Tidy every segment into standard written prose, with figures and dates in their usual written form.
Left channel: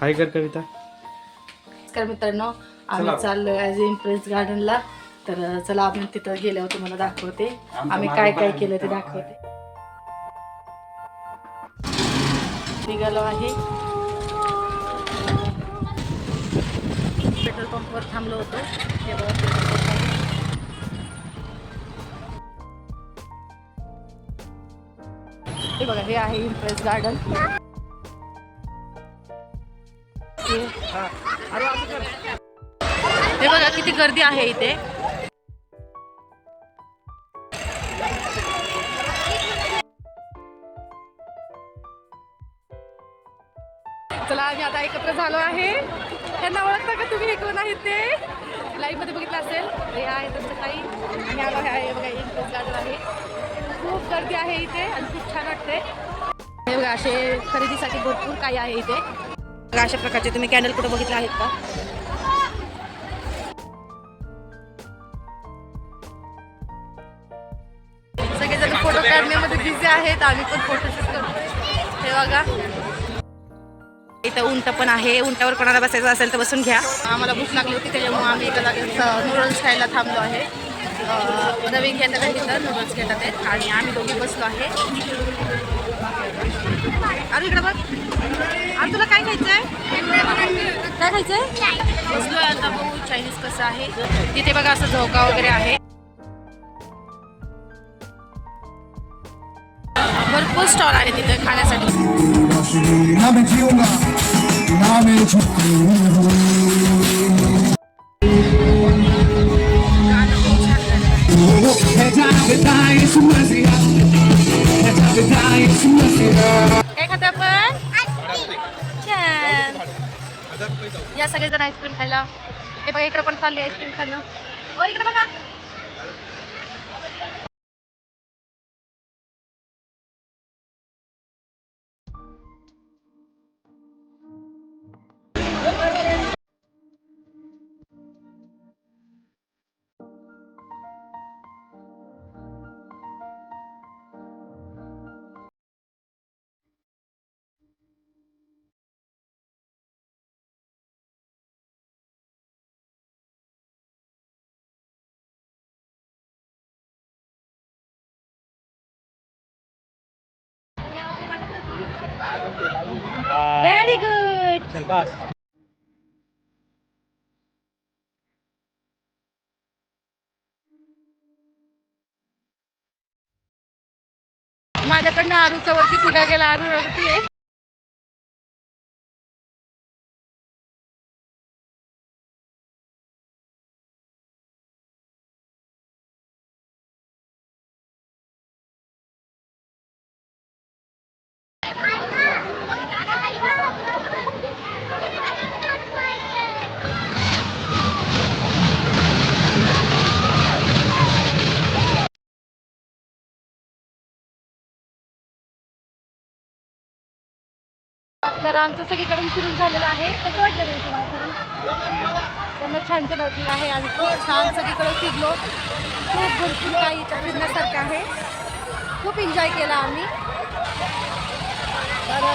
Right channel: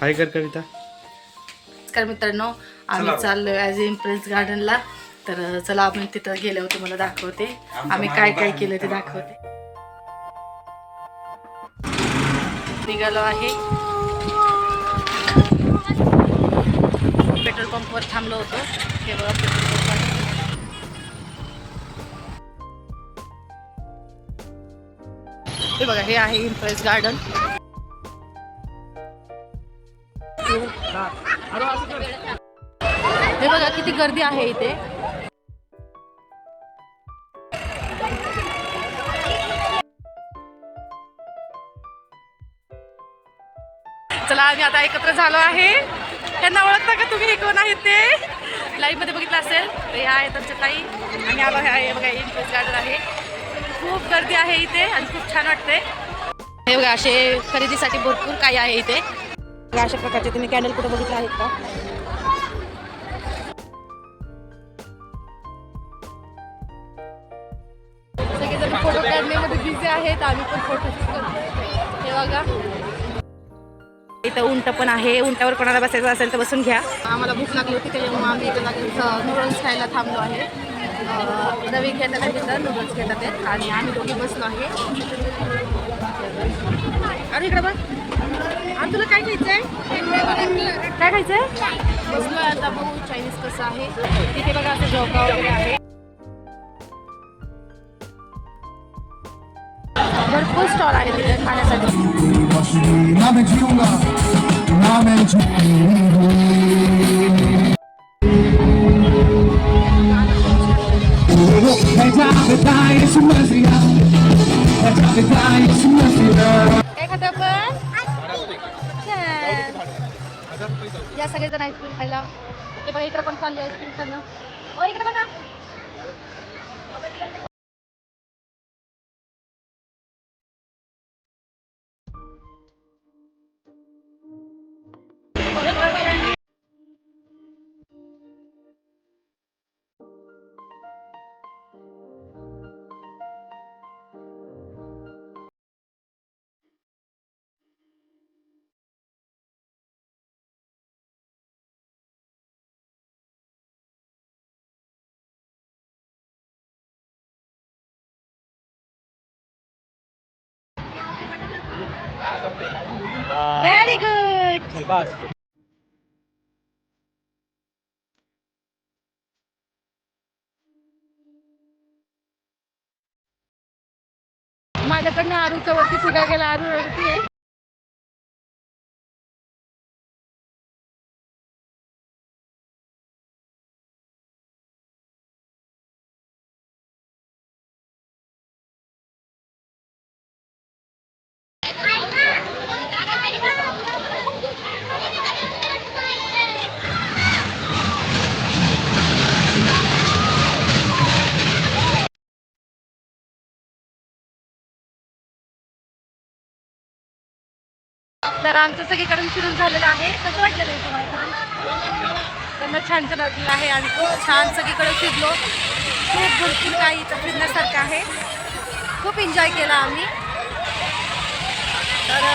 हाय कर कविता. नमस्कार मित्रांनो, आम्ही चाललोय ॲज इम्प्रेस गार्डनला. तर चला आपण तिथं गेल्यावर तुम्हाला दाखवते आम्ही काय काय केलं ते दाखवते. निघालो आहे, पेट्रोल पंपवर थांबलो होतो. हे बघा पेट्रोल पंप आहे. हे बघा, हे आहे इम्प्रेस गार्डन. हे बघा किती गर्दी आहे इथे. चला आम्ही आता एकत्र झालो आहे. त्यांना ओळखता का तुम्ही, कोण आहेत ते? लाईव्ह मध्ये बघितलं असेल. तर ह्या आहेत आमच्या ताई. आणि आलो आहे बघा, इम्प्रेस गार्डन आहे. खूप गर्दी आहे इथे आणि खूप छान वाटते. हे बघा, असे खरेदीसाठी भरपूर काही आहे इथे. बघा अशा प्रकारचे तुम्ही कॅन्डल कुठे बघितले आहेत का? सगळेजण फोटो काढण्यामध्ये बिझी आहेत. आम्ही पण फोटोशूट करतोय. हे बघा, इथं उंट पण आहे. उंटावर कोणाला बसायचं असेल तर बसून घ्या. आम्हाला भूक लागली होती त्याच्यामुळे आम्ही एका जागेत नूडल्स खायला थांबलो आहे. रवी घेतात आहे तिथं, नूडल्स घेतात आहेत आणि आम्ही दोघी बसलो आहे. अरे इकडं बघ, अरे तुला काय खायचं आहे? काय खायचं आहे? बसलो आहे आता, बघू चायनीज कसं आहे. तिथे बघा असं झोका वगैरे आहे. भरपूर स्टॉल आहे तिथे खाण्यासाठी. काय खातो आपण? छान. या सगळेजण आईस्क्रीम खायला. हे बघा इकडे पण चालली आईस्क्रीम खाणं. ओ इकडे बघा. Very good. माझ्याकडनं आरूचा वरती सुद्धा गेला. आरू रडती आहे. तर आमचं सगळीकडून फिरून झालेलं आहे. कसं वाटलं नाही तुम्हाला फिरून? त्यांना छान छान वाटलेलं आहे. आम्ही खूप छान सगळीकडे फिरलो. खूप भरपूर काही इथं फिरण्यासारखं आहे. खूप एन्जॉय केला आम्ही. तर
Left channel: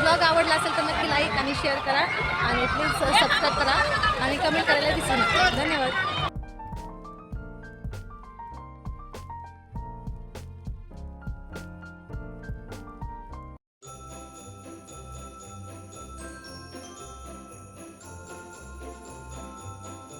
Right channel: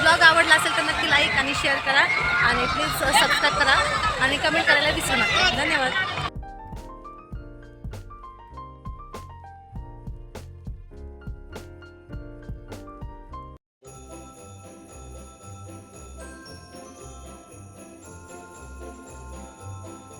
ब्लॉग आवडला असेल तर नक्की लाईक आणि शेअर करा आणि प्लीज सबस्क्राईब करा आणि कमेंट करायला विसरू नका. धन्यवाद.